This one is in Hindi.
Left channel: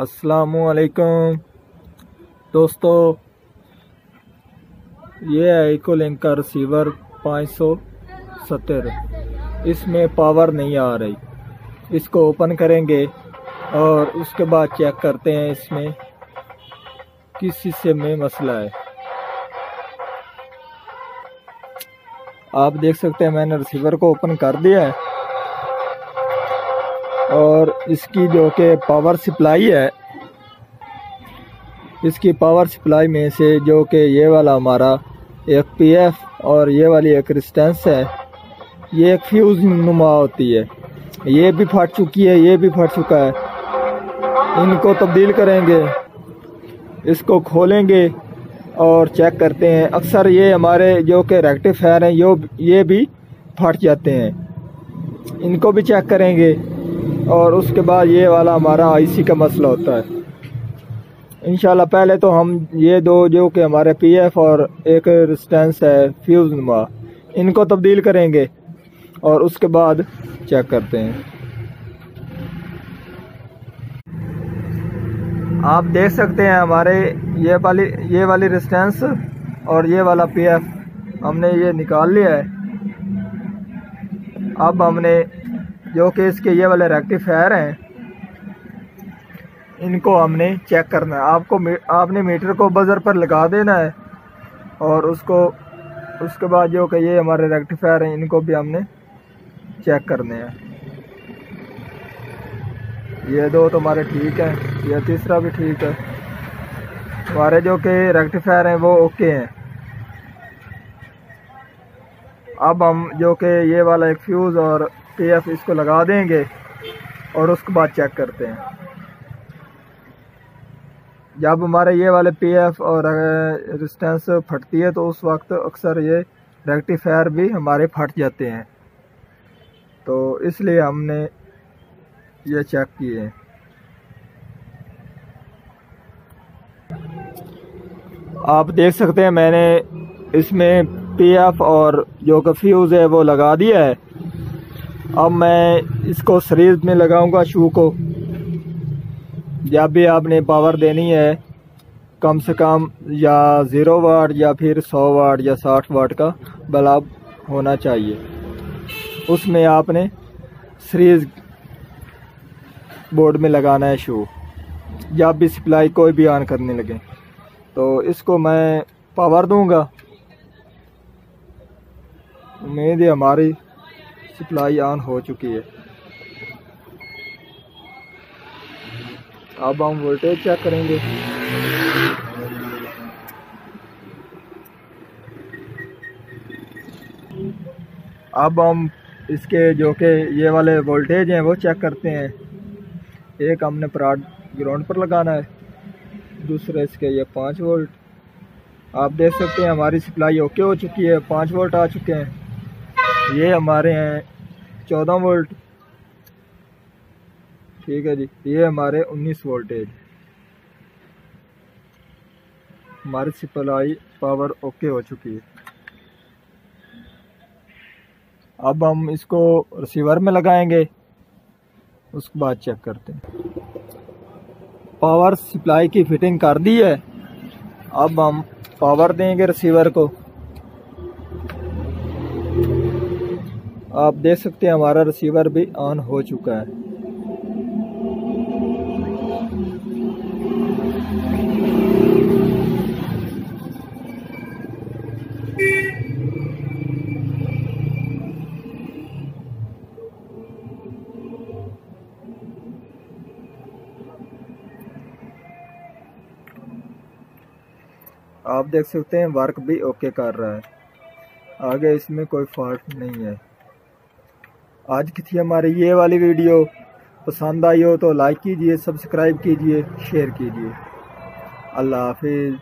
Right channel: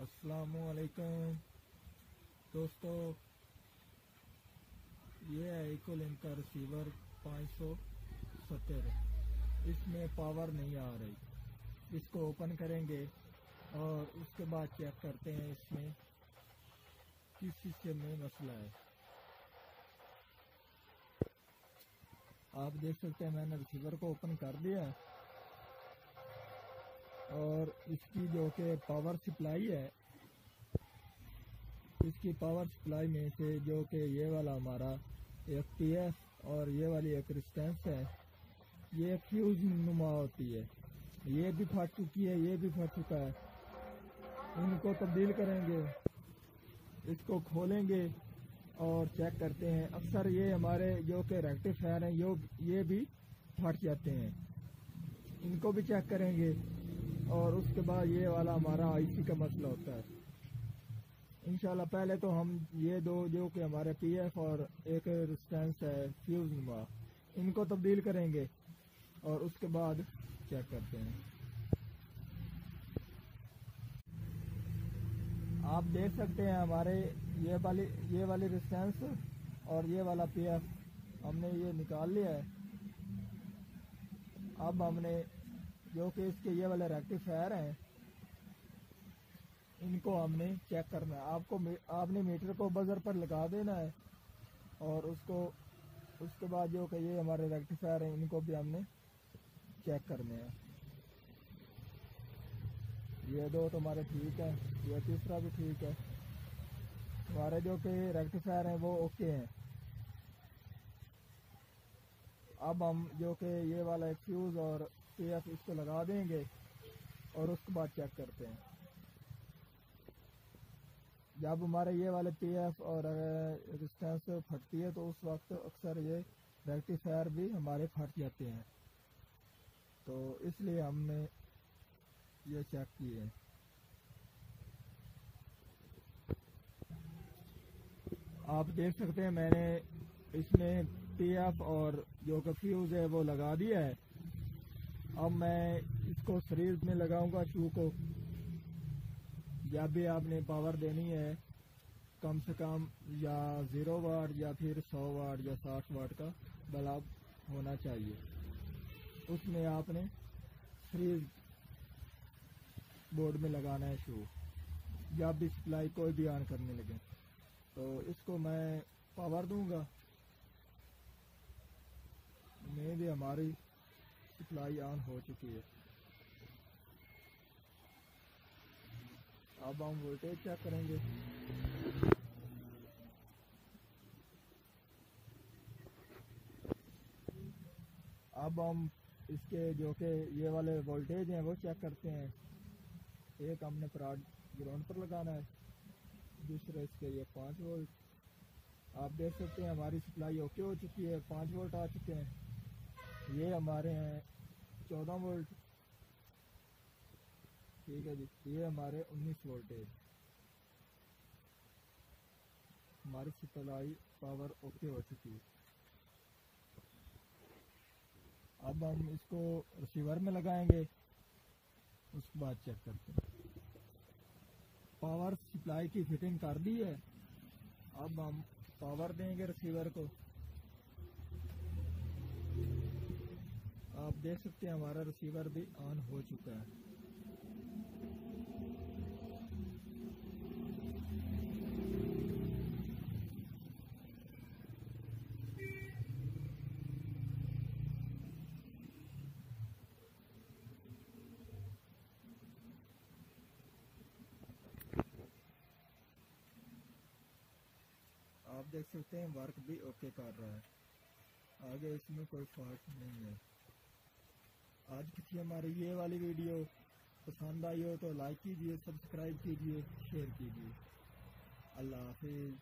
अस्सलामुअलैकुम दोस्तों, ये है इकोलिंक का रिसीवर 570। इसमें पावर नहीं आ रही। इसको ओपन करेंगे और उसके बाद चेक करते हैं इसमें किस हिस्से में मसला है। आप देख सकते हैं मैंने रिसीवर को ओपन कर दिया है और इसकी जो कि पावर सप्लाई है, इसकी पावर सप्लाई में से जो कि ये वाला हमारा एक पीएफ और ये वाली एक रेजिस्टेंस है, ये एक फ्यूज नुमा होती है। ये भी फट चुकी है, ये भी फट चुका है। इनको तब्दील करेंगे, इसको खोलेंगे और चेक करते हैं। अक्सर ये हमारे जो कि रेक्टिफायर हैं ये भी फट जाते हैं। इनको भी चेक करेंगे और उसके बाद ये वाला हमारा आईसी का मसला होता है। इंशाल्लाह पहले तो हम ये दो जो कि हमारे पीएफ और एक रेजिस्टेंस है फ्यूज नुमा, इनको तब्दील करेंगे और उसके बाद चेक करते हैं। आप देख सकते हैं हमारे ये वाली रेजिस्टेंस और ये वाला पीएफ हमने ये निकाल लिया है। अब हमने जो कि इसके ये वाले रेक्टिफायर हैं, इनको हमने चेक करना है। आपने मीटर को बजर पर लगा देना है और उसके बाद जो कि ये हमारे रेक्टिफायर हैं, इनको भी हमने चेक करने हैं। ये दो तो हमारे ठीक है, ये तीसरा भी ठीक है। हमारे जो कि रेक्टिफायर हैं वो ओके हैं। अब हम जो कि ये वाला एक फ्यूज़ और पीएफ इसको लगा देंगे और उसके बाद चेक करते हैं। जब हमारे ये वाले पीएफ और रेजिस्टेंस फटती है तो उस वक्त अक्सर ये रेक्टिफायर भी हमारे फट जाते हैं, तो इसलिए हमने ये चेक किए हैं। आप देख सकते हैं मैंने इसमें पीएफ और जो कि फ्यूज़ है वो लगा दिया है। अब मैं इसको सीरीज में लगाऊंगा शू को। जब भी आपने पावर देनी है कम से कम या 0 वाट या फिर 100 वाट या 60 वाट का बल्ब होना चाहिए। उसमें आपने सीरीज बोर्ड में लगाना है शू, जब भी सप्लाई कोई भी ऑन करने लगे। तो इसको मैं पावर दूंगा। उम्मीद है हमारी सप्लाई ऑन हो चुकी है। अब हम वोल्टेज चेक करेंगे। अब हम इसके जो कि ये वाले वोल्टेज हैं वो चेक करते हैं। एक हमने प्राड ग्राउंड पर लगाना है, दूसरे इसके ये 5 वोल्ट। आप देख सकते हैं हमारी सप्लाई ओके हो चुकी है, 5 वोल्ट आ चुके हैं। ये हमारे हैं 14 वोल्ट, ठीक है जी। ये हमारे 19 वोल्टेज। हमारी सप्लाई पावर ओके हो चुकी है। अब हम इसको रिसीवर में लगाएंगे, उसके बाद चेक करते हैं। पावर सप्लाई की फिटिंग कर दी है। अब हम पावर देंगे रिसीवर को। आप देख सकते हैं हमारा रिसीवर भी ऑन हो चुका है। आप देख सकते हैं वर्क भी ओके कर रहा है, आगे इसमें कोई फॉल्ट नहीं है। आज की थी हमारी ये वाली वीडियो। पसंद आई हो तो लाइक कीजिए, सब्सक्राइब कीजिए, शेयर कीजिए। अल्लाह हाफिज़।